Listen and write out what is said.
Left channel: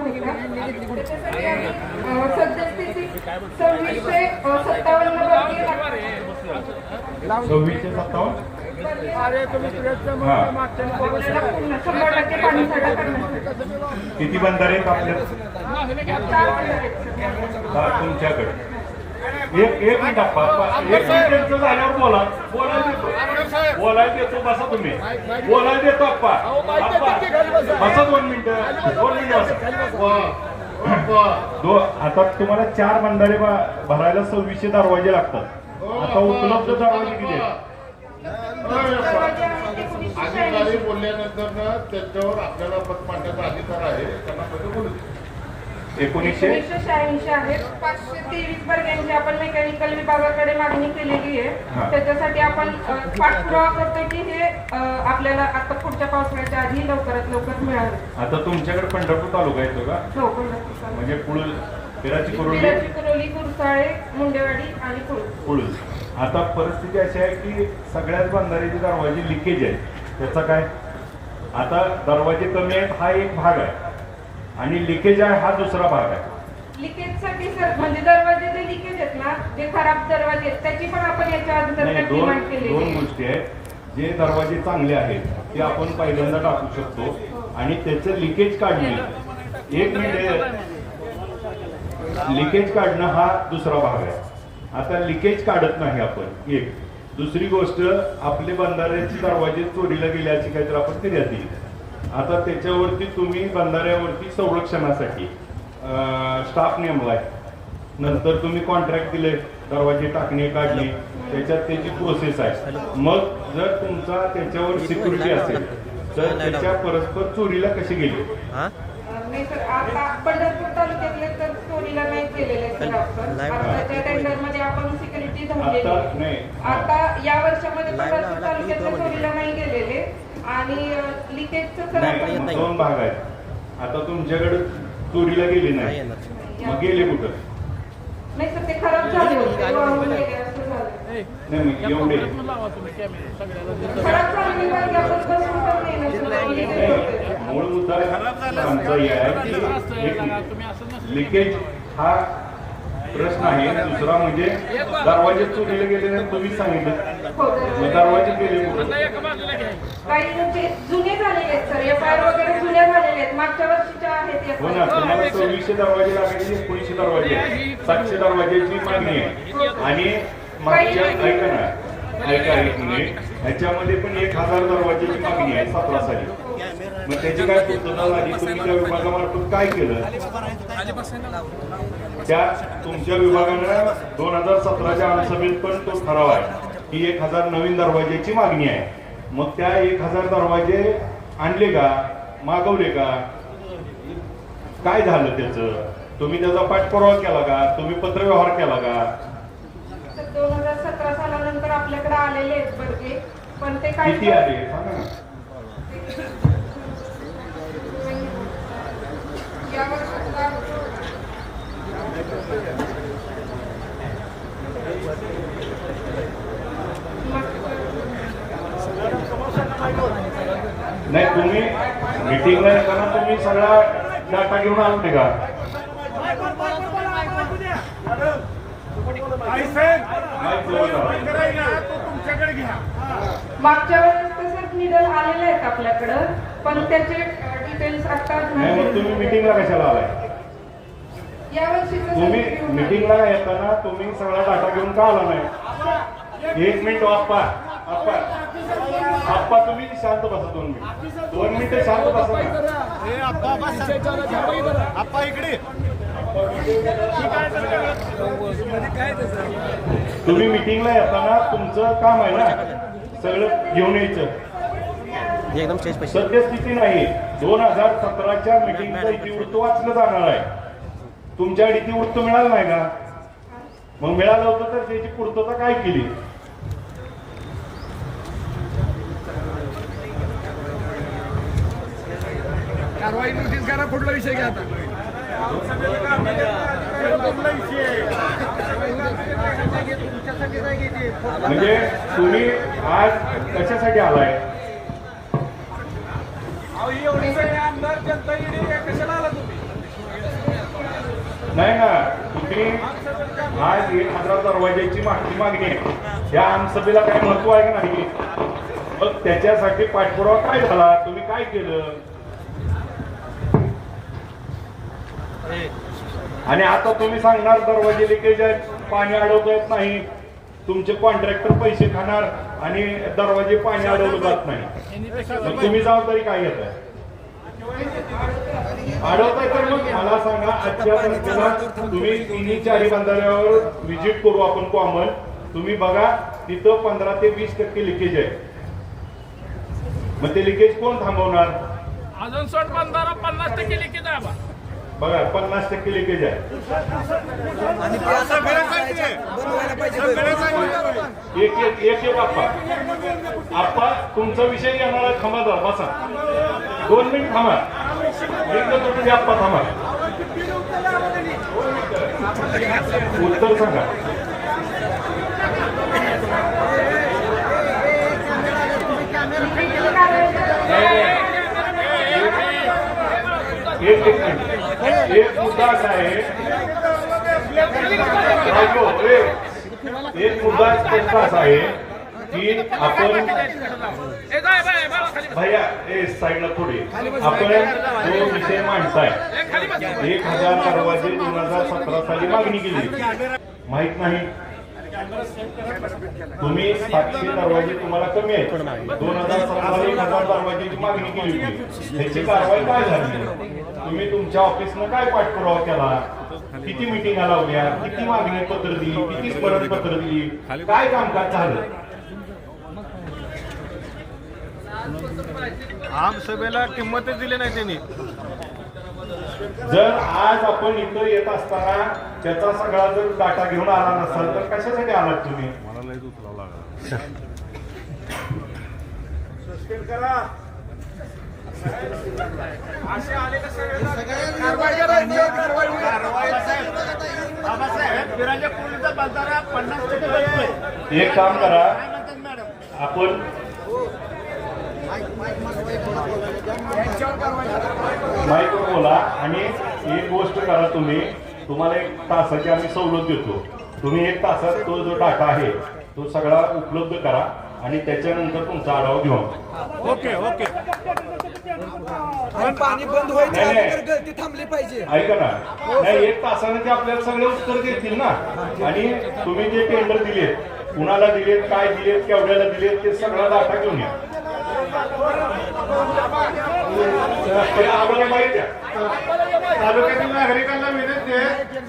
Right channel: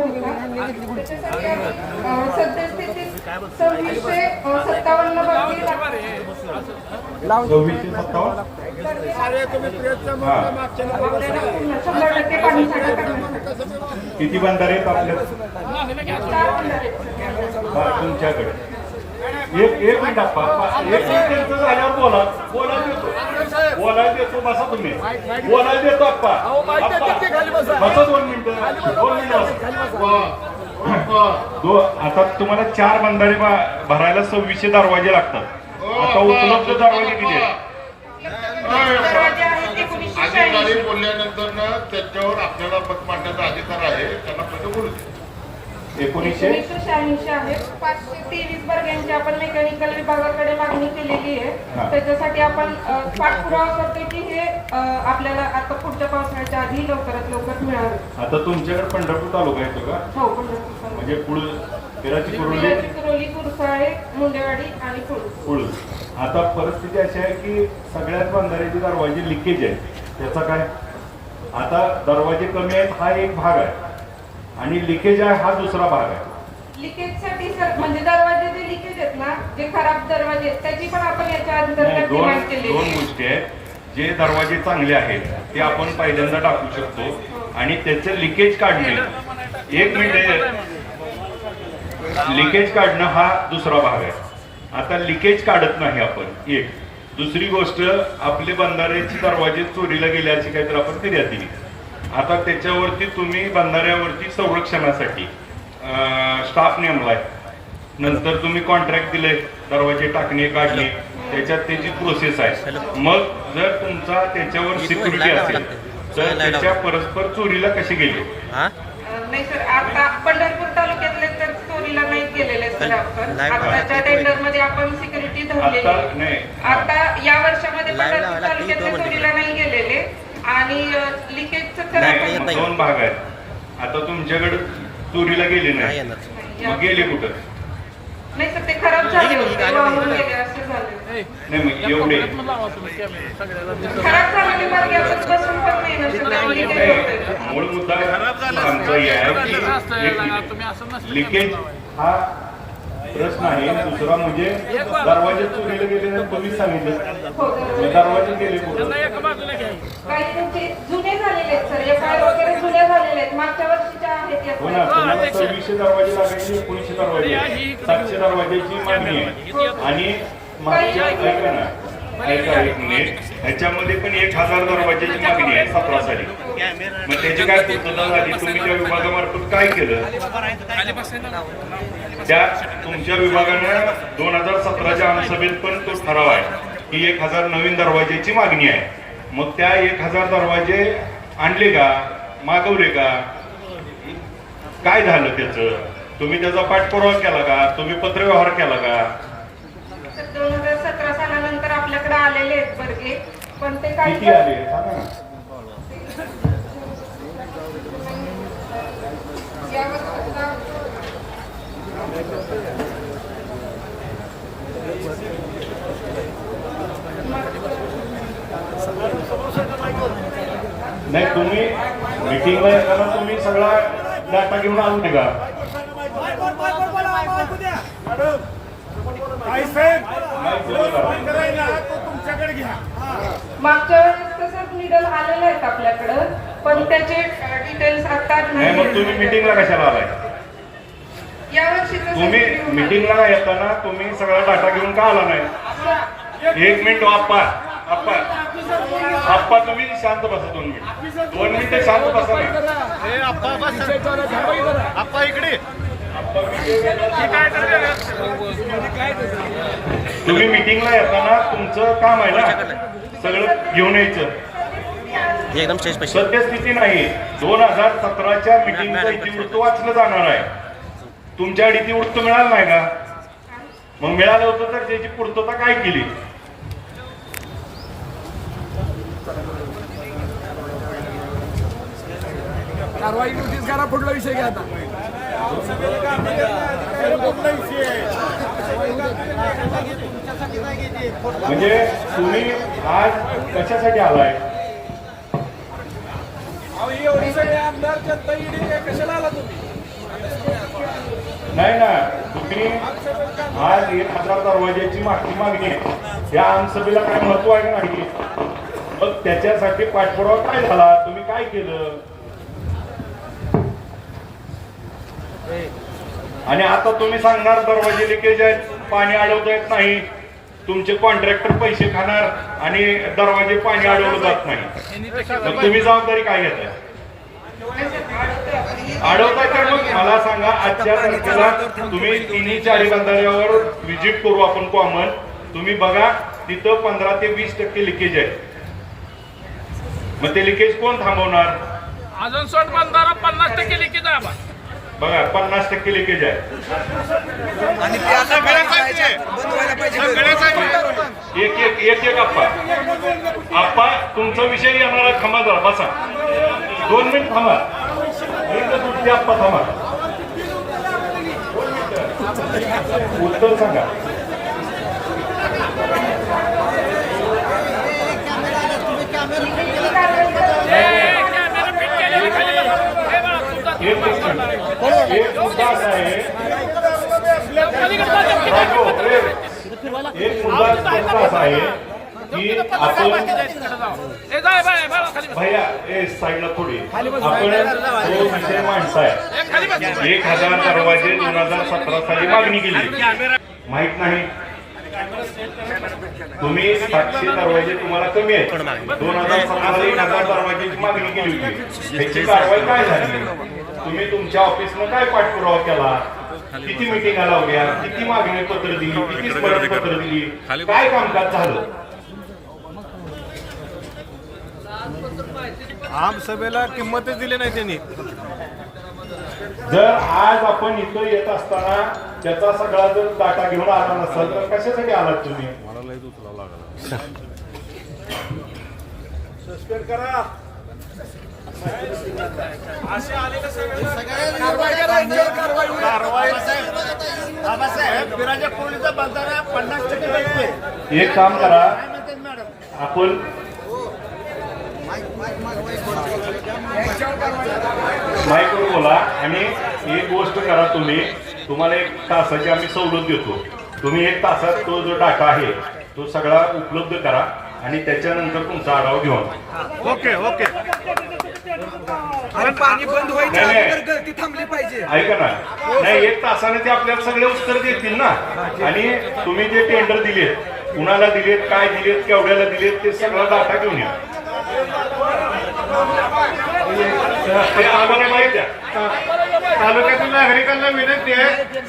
अ, सद्यस्थिती सव्वीसशे सत्तावन्न सव्वीसशे सत्तावन्न. किती बंधारे तुमच्याकडे एक एक मिनिट आप्पा. एक मिनिट त्यांचं झाल्यावर बोला. बोलायला देतो. बोलायला देतो बसा तुम्ही. बोलायला देतो आप्पा. आप्पा, बसा. दोन मिनिटं. दोन मिनिटं आता तुम्हाला चार बंधारे भरायला सव्वीसशे दरवाजे लागतात. आता उपलब्ध दरवाजे किती अधिकारी. बोलल्यानंतर ना त्याच्यावर आपल्याला मत मांडण्याचा अधिकार आहे. त्यांना पहिले बोलू. एकोणीसशे? शहाऐंशी आहेत पाचशे तेवीस वर्गांची आपण मेकॅनिकल विभागाकडे मागणी केलेली. आहे. त्याच्यासाठी आपण पाठपुरावा करतोय की हे आपल्याला आता पुढच्या पावसाळ्याच्या आधी लवकरात लवकर मिळावे. आता तुमच्याकडे पंढरपूर तालुका येतो का? हो पंढरपूर म्हणजे पुढे पिराची मिराची कुरोली कुरसाळे मुंडेवाडी आणि कुरुल पुढे आता परिस्थिती अशी आहे की सगळ्याच बंधाऱ्याचे दरवाजे लिकेज आहे त्याचा काय? आता दरवाजे कमी आहेत हा एक भाग आहे. आणि लिकेज आहे हा दुसरा भाग आहे. लिकेजसाठी सर म्हणजे दरवाजे जे लिकेज आहेत ना जे खराब दरवाजे आहेत त्याची पण आपण याच्या नाही, अंतर्गत दोन डिमांड दोन. गोष्टी आहेत. जे दरवाजे चांगले आहेत ते आपण पहिल्यांदा टाकू शकतो. आणि त्याचं लिकेज काढणे. एक मिनिट. लिकेज काढणं हा दुसरा भाग आहे. आता लिकेज काढत नाही आपण. एक. दुसरी गोष्ट आपले बंधाऱ्याचे दरवाजे चोरीला गेल्याची काहीतरी आपण फिर्याद दिली. आता त्याच्यावरती तुम्ही बंधाऱ्यावरती संरक्षणासाठी स्टाफ नेमलाय. नंतर तुम्ही कॉन्ट्रॅक्ट दिले दरवाजे टाकणे काढणे त्याच्यात त्याची प्रोसेस आहे. मग जर तुमचा त्याच्यावर सिक्युरिटी असेल. तर त्याच्या परस्पर चोरीला कशी गेली? हा? नाही सर आता पंढरपूर तालुक्यातले तर चोरीला नाही गेलेले सर आपण. आताच्या टेंडरमध्ये आपण सिक्युरिटी धरलेली आता आहे. नाही. आता या वर्षामध्ये पंढरपूर इथं म्हणते चोरीला नाही गेलेले. आणि लिकेजचं तर नाही मग. दोन भाग आहेत. आता तुमच्याकडे चोरीला गेले नाही. मग गेले कुठं? नाही सर ते खराब झाले असे झाले. नाही मग एवढे. खराब बसून पण नाही ना होते. नाही, मूळ मुद्दा आमचा हे आहे की लिकेज हा प्रश्न आहे. दुसरा म्हणजे दरवाजे चोरीला गेले नाही तुम्ही सांगितलं. दरवाजे गेले कुठं? काही जुने झालेले आहेत सर. एफ आय वगैरे जुने झालेले आहेत. मागच्या वर्षीच्या आहेत हो ना. तुम्हाला सव्वीसशे दरवाजे लागायचे एकोणीसशे दरवाजे. सातशे दरवाजेची मागणी आहे. आणि मागच्या ऐका ना. ऐका एक मिनिट. ह्याच्यामध्ये पण एक हजार दरवाजेची मागणी आहे सतरा साली. मग त्याची काय पूर्तता झाली? तुम्ही त्या विभागामार्फत काय केलं? त्या तुमच्या विभागानं दोन हजार सतराच्या आमसभेत पण तो ठराव आहे. की एक हजार नवीन दरवाजेची मागणी आहे. मग त्या एक हजार दरवाजे आणले का? मागवले का? काय झालं त्याचं? तुम्ही त्याचा पाठपुरावा केला का? तुम्ही पत्रव्यवहार केला का? दोन हजार सतरा सालानंतर आपल्याकडे आलेले आहेत बर्गे पण ते किती आले? सांगा ना. नाही तुम्ही मिटिंगला येताना तुम्ही सगळा डाटा घेऊन आले का? मागच्या वेळेस तसेच निडल आलेले आहेत आपल्याकडं. पण त्याचे डिटेल्स आता नाही मग तुम्ही मिटिंगला कशाला आलाय? तुम्ही मिटिंगला येताना तुम्ही सगळा डाटा घेऊन का आला नाही? एक मिनिट आप्पा आप्पा. आप्पा तुम्ही शांत बसा दोन मिनिट. दोन मिनिटं शांत बसा ना. आप्पा इकडे. तुम्ही मिटिंगला येताना तुमचं काम आहे ना? सगळं घेऊन यायचं. हे एकदम स्टेज पैसे. सद्यस्थिती नाही. दोन हजार सतराच्या मिटिंगचं इतिवृत्त वाचलं जाणार आहे. तुमच्याकडे इतिवृत्त मिळालं नाही का? मग मिळालं होतं तर त्याची पूर्तता काय केली? कारवाई नोटीस करा पुढला विषय घ्या म्हणजे तुम्ही आज कशासाठी आलाय? सगळे आमदार जनता ईडी कशाला आला तुम्ही? नाही ना तुम्ही आज एक हजार दरवाज्याची मागणी मागणी आहे. या आमसभेला काय महत्त्व आहे का नाही? मग त्याच्यासाठी पाठपुरावा काय झाला? तुम्ही काय केलं? आणि आता तुम्ही सांगणार दरवाजे लिकेज आहेत पाणी अडवता येत नाही. तुमचे कॉन्ट्रॅक्टर पैसे खाणार आणि दरवाजे पाणी अडवलं जात नाही. तुम्ही जबाबदारी काय घेताय? अडवताय तर मग मला सांगा आजच्या तारखेला तुम्ही तिन्ही चारी बंधाऱ्यावर व्हिजिट करू आपण कॉमन तुम्ही बघा तिथं पंधरा ते वीस टक्के लिकेज आहे. मग ते लिकेज कोण थांबवणार? अजून सोड बंधारा पन्नास टक्के लिखित आहे. बघा पन्नास टक्के लिकेज आहे. एक एक एक एक आप्पा. आप्पा तुमचा विषय येणार जरा बसा. दोन मिनिट थांबा. एकदा आप्पा थांबा. उत्तर सांगा. एक एक मुद्दा असा आहे. एक- मुद्दा असा आहे. की आपण. भैया ए साईडला पुढे. आपण जो विषय मांडताय. एक हजार दरवाजे दोन हजार सतरा साली मागणी केली. माहीत नाही. तुम्ही सातशे दरवाजे तुम्हाला कमी आहेत. दोन हजार सतराला एक हजार दरवाजेची मागणी केली होती. त्याची कारवाई काय झाली? तुम्ही तुमच्या ऑफिसनं काय पाठपुरावा केला? किती मिटिंगा लावल्या? किती मागणी पत्र दिली? किती स्मरण पत्र दिली काय कामकाज झालं? आमसभेला किंमतच दिली नाही त्यांनी. जर आज आपण इथं येत असताना त्याचा सगळा जर डाटा घेऊन आला नसाल तर कशासाठी आलात तुम्ही? मला लय उचलावं लागला. एक काम करा. आपण माईकवर बोला आणि एक गोष्ट करा तुम्ही. तुम्हाला एक तासाची आम्ही सवलत देतो. तुम्ही एक तासात तो जो डाटा आहे तो सगळा उपलब्ध करा आणि त्याच्यानंतर तुमचा आढावा घेऊन. Okay okay. ऐका ना. नाही एक तासाने ते आपल्याला सगळे उत्तर देतील ना. आणि तुम्ही जे टेंडर दिलेत कुणाला दिलेत काय दिलेत केवढ्याला दिलेत ते सगळा डाटा घेऊन या. आम्हाला माहिती आहे. तालुक्यातील नागरिकांना विनंती आहे.